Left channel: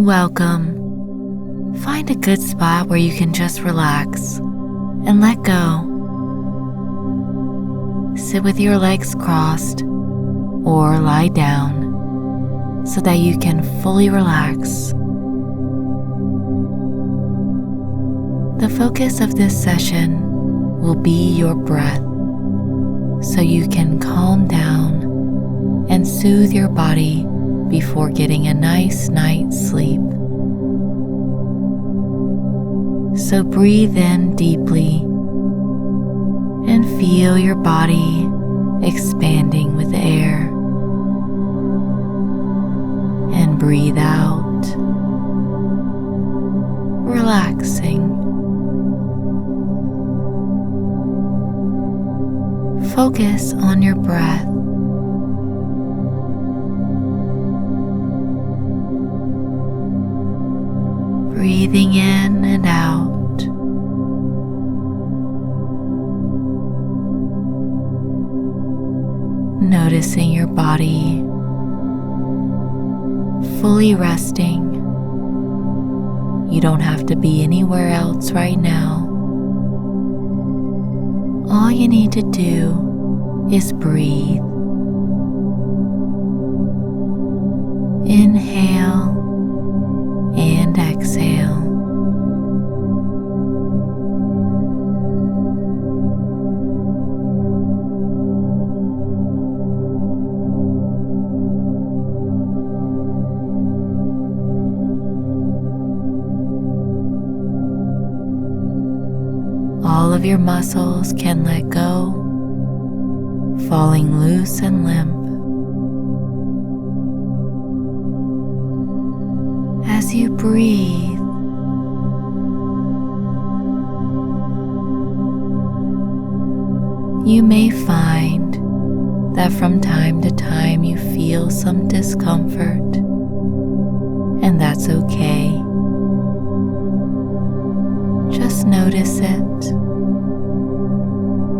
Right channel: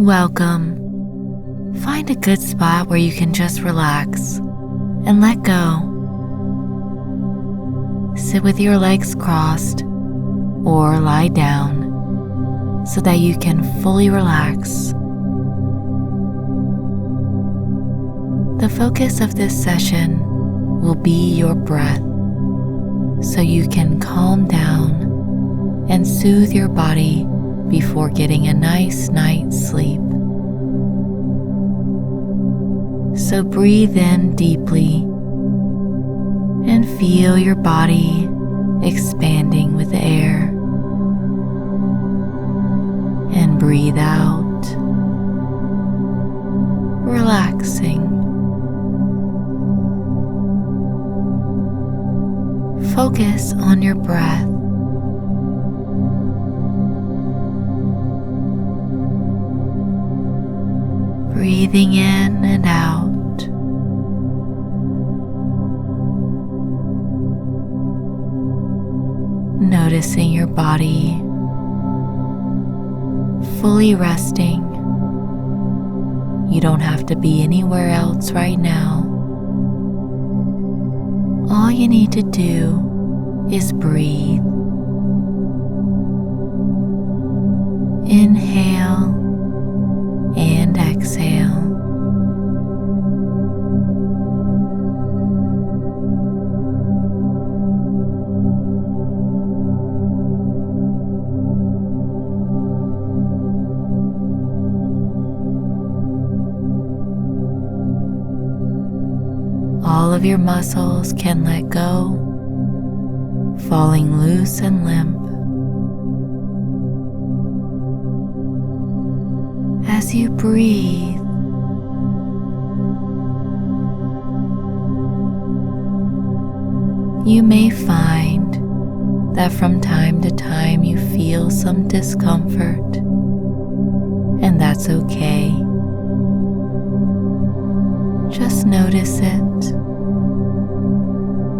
Welcome. Find a good spot where you can just relax and let go. Sit with your legs crossed or lie down so that you can fully relax. The focus of this session will be your breath, so you can calm down and soothe your body before getting a nice night's sleep. So breathe in deeply and feel your body expanding with air. And breathe out, relaxing. Focus on your breath. Breathing in and out. Noticing your body fully resting. You don't have to be anywhere else right now. All you need to do is breathe. Inhale and exhale. All of your muscles can let go, falling loose and limp. As you breathe, you may find that from time to time you feel some discomfort, and that's okay. Just notice it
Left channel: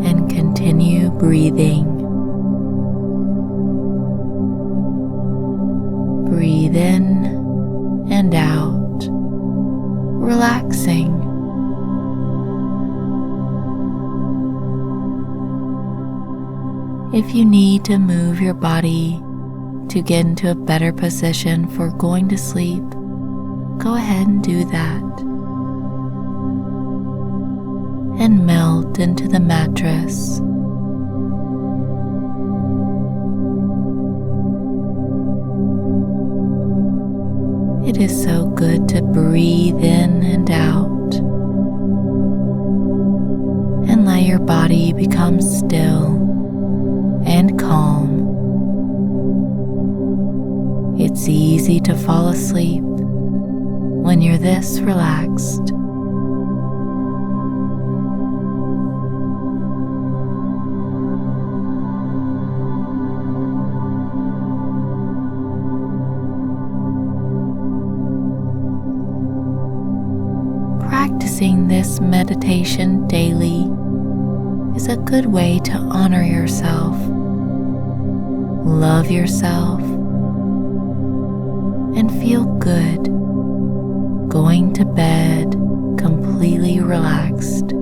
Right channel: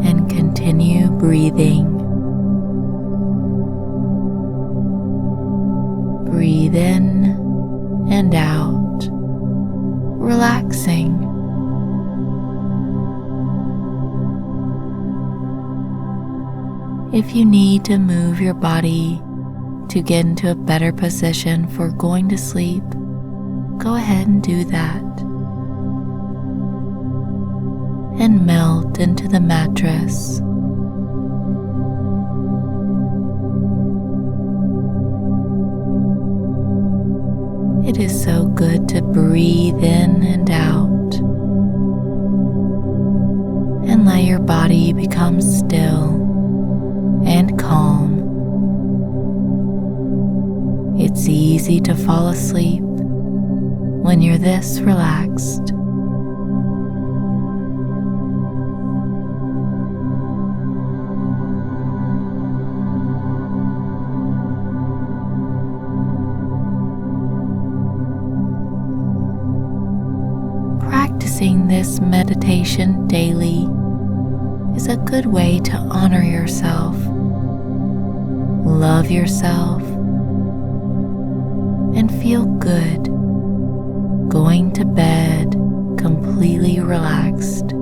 and continue breathing. Breathe in and out, relaxing. If you need to move your body to get into a better position for going to sleep, go ahead and do that. And melt into the mattress. It is so good to breathe in and out and let your body become still and calm. It's easy to fall asleep when you're this relaxed. Practicing this meditation daily is a good way to honor yourself, love yourself, and feel good going to bed completely relaxed.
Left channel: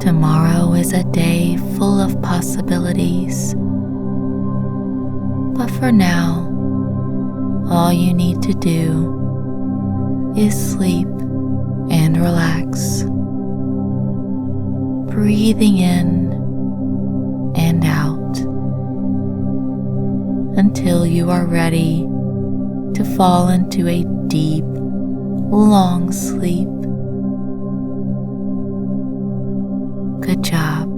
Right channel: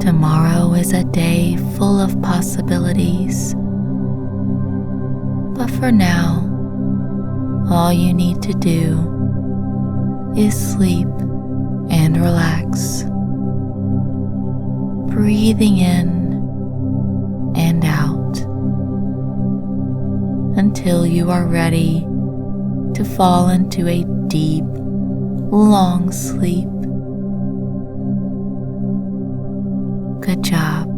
Tomorrow is a day full of possibilities, but for now, all you need to do is sleep and relax, breathing in and out until you are ready to fall into a deep, long sleep. Good job.